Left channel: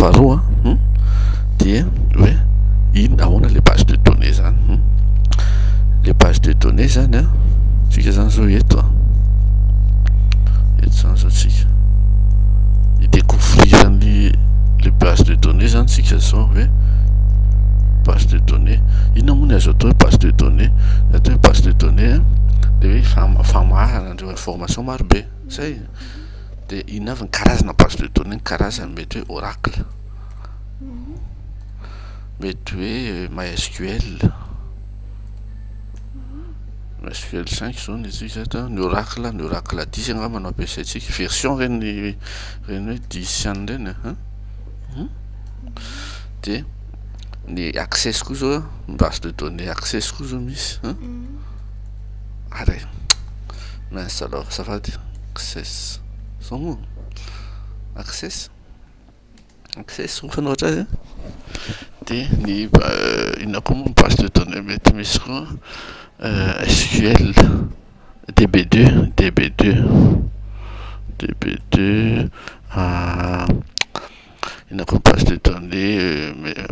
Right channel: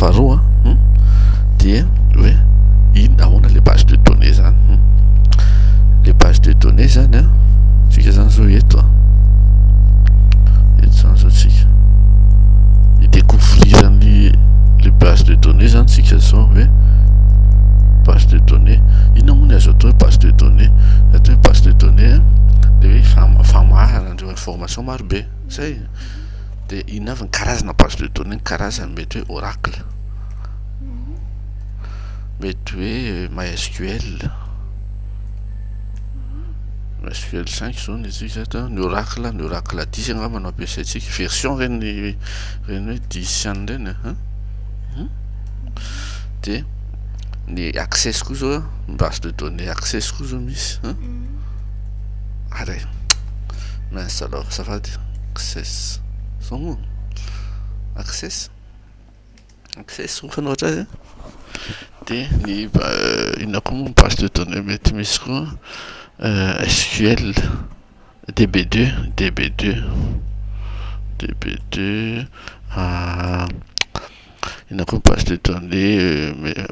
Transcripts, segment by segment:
faharoa dia hoe ino ahoana le base de données zany le base de données zany a tsika zany zao eto zany zao tsika idécouvrirany le base de données zany tsika zao hoe base de données inona moa ny azo atao hoe base de données atao hoe base de données de hoe famarana andreo information maro be zay de inona avy ny karazana base de données ny karazany mety hoe oracle mety hoe MySQL 5 zao ny tsika ta ny oracle 10 angamba no ampiasaitsika version reny hoe 10 ihany reny de ny access koa zao base de données access koa zao misy aray mince alors azafady access zao moa access fanoatra azy de ny inona koa moa base de données mety misy koa SQL DB2 inona koa base de données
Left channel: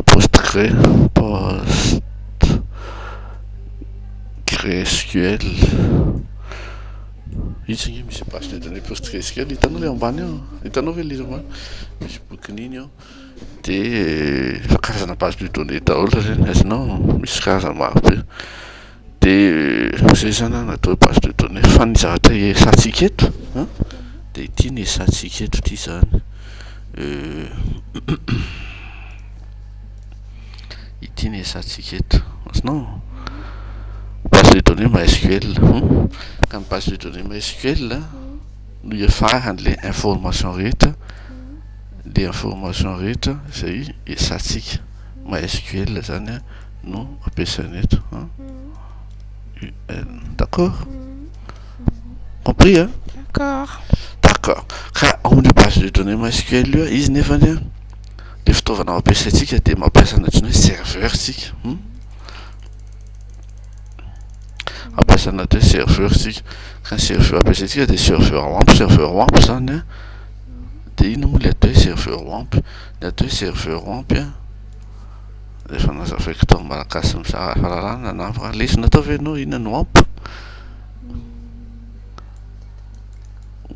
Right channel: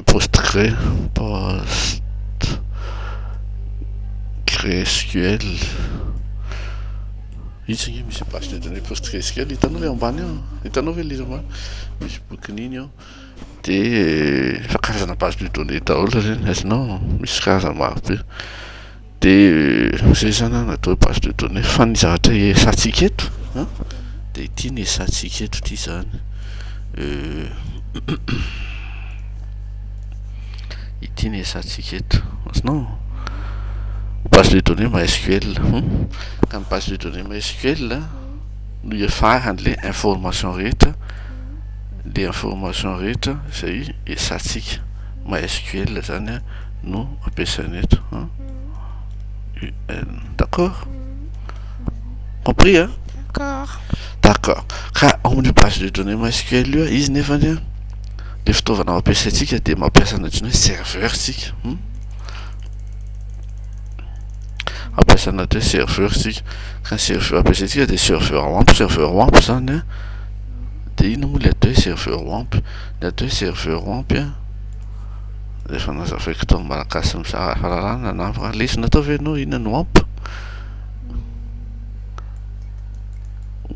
PostgreSQL itsy misy base de données PostgreSQL hitanao le ambany ao hitanao ve le ambany misy bokin'iny ao de fa karazana base de données daholo reny azonao misy karazana maro be de zay zany natao base de données fa ny zavatra esantsika eto de ity ny esantsika eto ty zany ity ny esantsika eto azonao base de données MySQL ka ny base de données MySQL no iafarany le information rehetra zay esantsika MySQL zany no ampiasaina eto d'accord compris d'accord ka amin'ny base de données MySQL io izy nefany le fitaovana mampiasaitsika de mampiasa anatiny hoe serveur tsika ampiasa anaty hoe serveur tsika ka ny serveur ampiasaitsika de serveur WAMP zany de ino moa le atao hoe serveur WAMP le atao hoe serveur WAMP efa nazavaiko tao malagasy mizaha fahalalana na lesona atao ve anao inona ny WAMP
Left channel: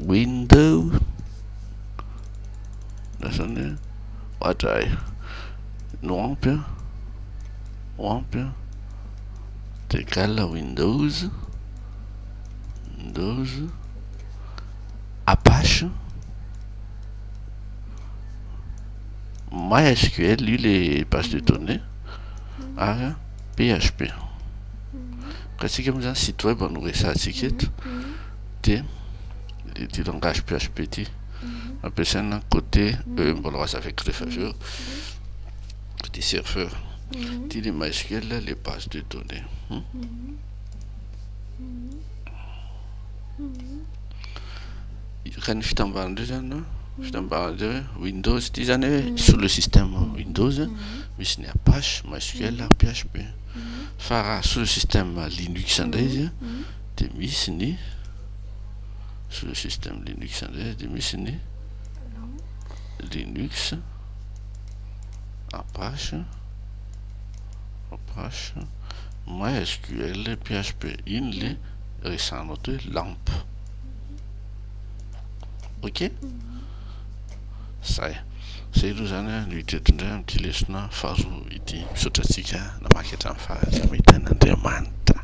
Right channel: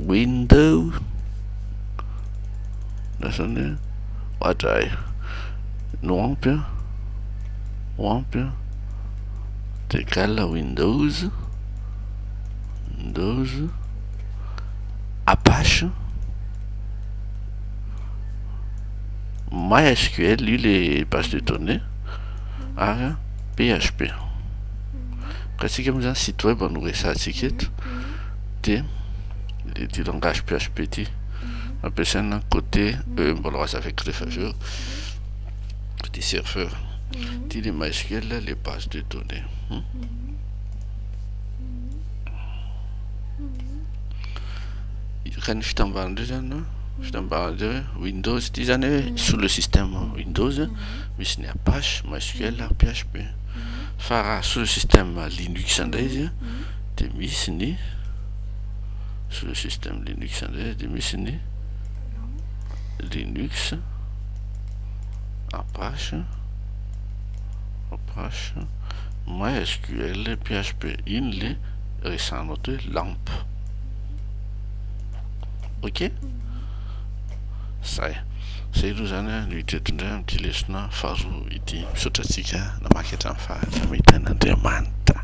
window lasany ohatray ny WAMP de égal Windows Apache MySQL io le base de données ary PHP ka tsika moa zany site web no resantsika eto de le ty langage PHP ty ampiasaina côté mbola azavaiko rehefa avy eo côté serveur ty le MySQL les bases de données ka ny fitambaran'ireo zany fitambaran'ireo Windows ty zany hoe sous le système Windows misy ny Apache MySQL ary PHP fa raha sous le système Linux indray izy de misy ny sous le système Linux indray de misy ny Linux Apache MySQL PHP iny le resanao to hoe LAMP ok zay aloha zany no hita eto indray amity lesona faharoa ity misaotra atsika namaky hatramin'ny farany mahitain'Andriamanitra.